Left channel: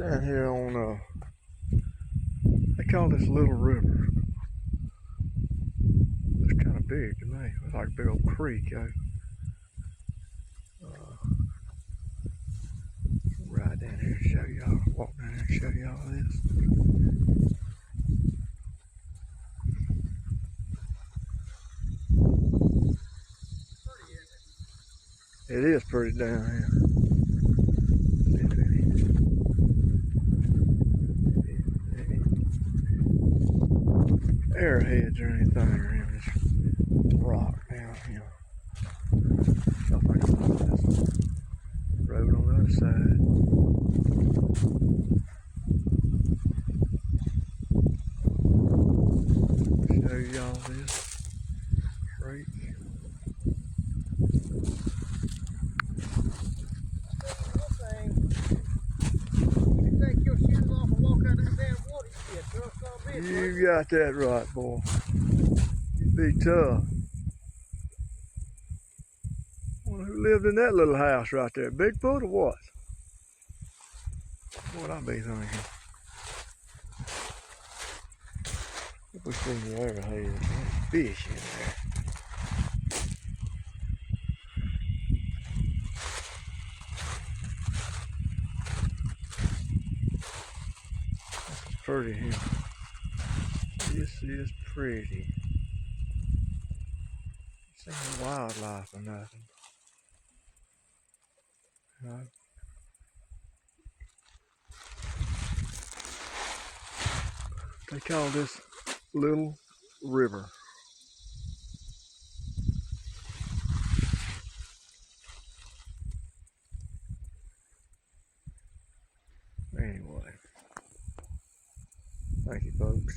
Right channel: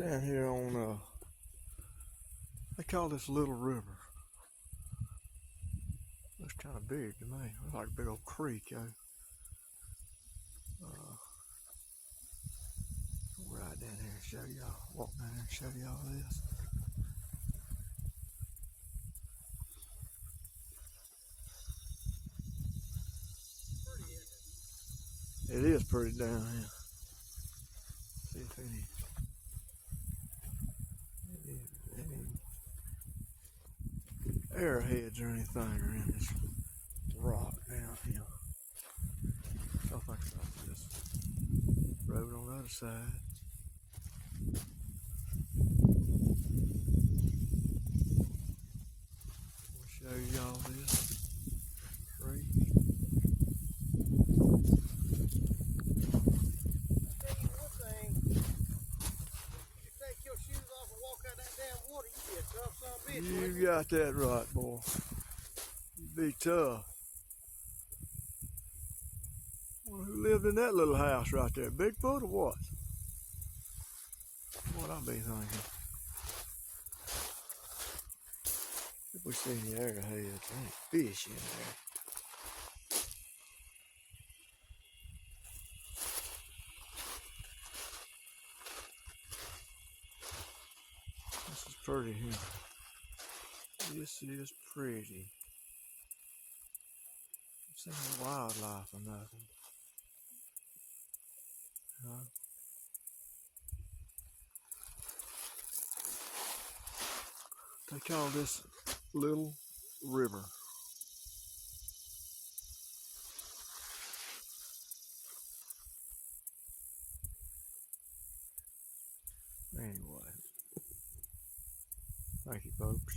Down here on, they call this Little River. It's kind of big to me. It's like a big old creek, yo. Right down here and show y'all, walk down here and show y'all this. It is pretty down here. Arrowheads or anything are in this rock down here. So I think about this road on the other side. Show y'all this creek. You got that right, boy. Be tough. Wonder who lived in that little house right there? Bigfoot or what? What I be thinking? If we see the arrowhead, fish in there. This is pretty here. This is pretty. Seen wildlife or nothing. You know? They call this Little River. Anyway, thank you, folks.